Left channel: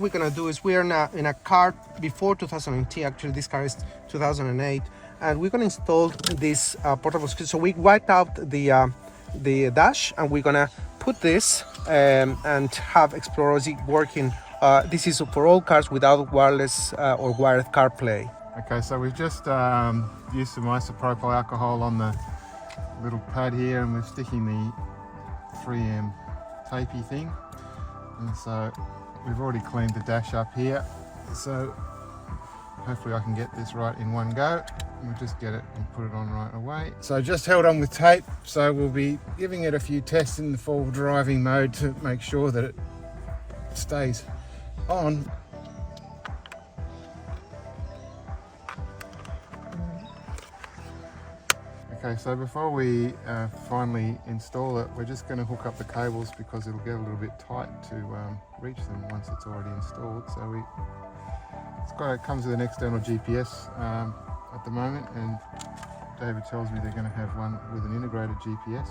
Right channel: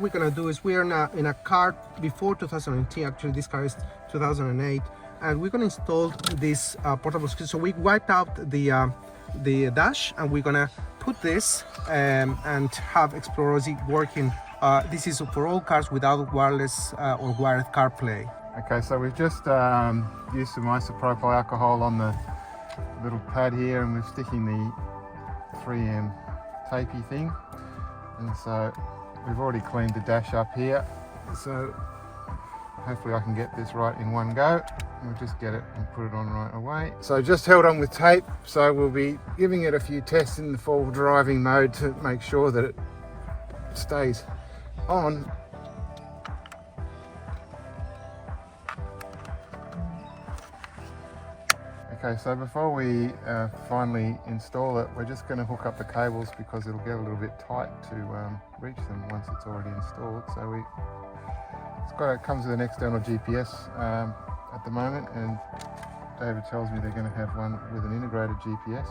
What we're gonna do is we're in a car before 2019. Actually, this car is 2008, and we're gonna install this portable screen. So we wiped out the dash, and we're gonna put this and have Explorer OZ working. This is for all cars without wireless or wired CarPlay. Okay, so we've just used some isopropyl alcohol on the little pad here, and we're sticking the 3M tapey thing, and so we've already cleaned the dash up here, so hopefully I can get this right in one go. We'll just get it and put it on right away. So just held on with tape, so we'll be giving it a few tests in the full driving mode to make sure that it stays on. Okay, so before we finally install it, we're just going to hook up the cables because it'll get a little bit tight to reach them once it's already installed. So it comes with an external GPS at the moment, and David tells me they're going to have one with an integrated GPS.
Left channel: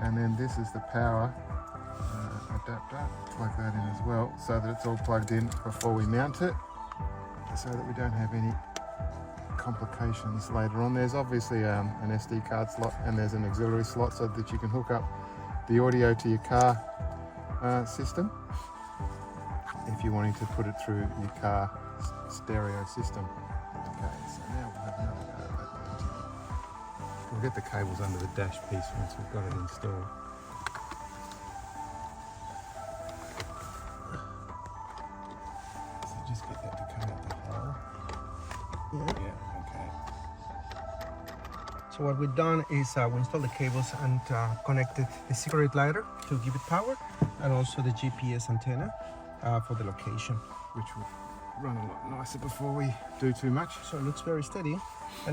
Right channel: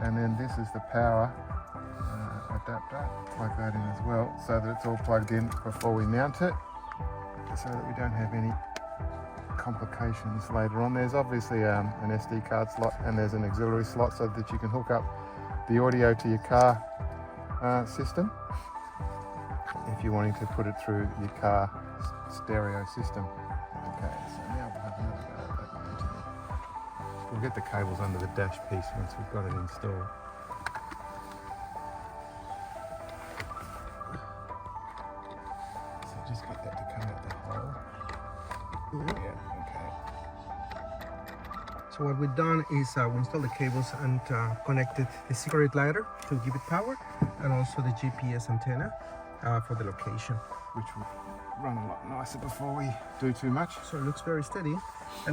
And then this is the power adapter, plug that in as well, so that it's all plugged in before we mount it, so that we don't have any complications later on. There's obviously an SD card slot, and there's an auxiliary slot so that you can hook up the audio to your car system if you're wanting to put it through your car stereo system. Okay, so now we'll have another go at that mounting. We'll get the cables under the dash piece once we've got it installed. So just get that to come out the hole. Yeah, okay. So what we've done is we installed the cables and connected the cigarette lighter to give it power, and also the GPS antenna for the location, Which will run a lot nicer before we do too much. so it looks very steady. And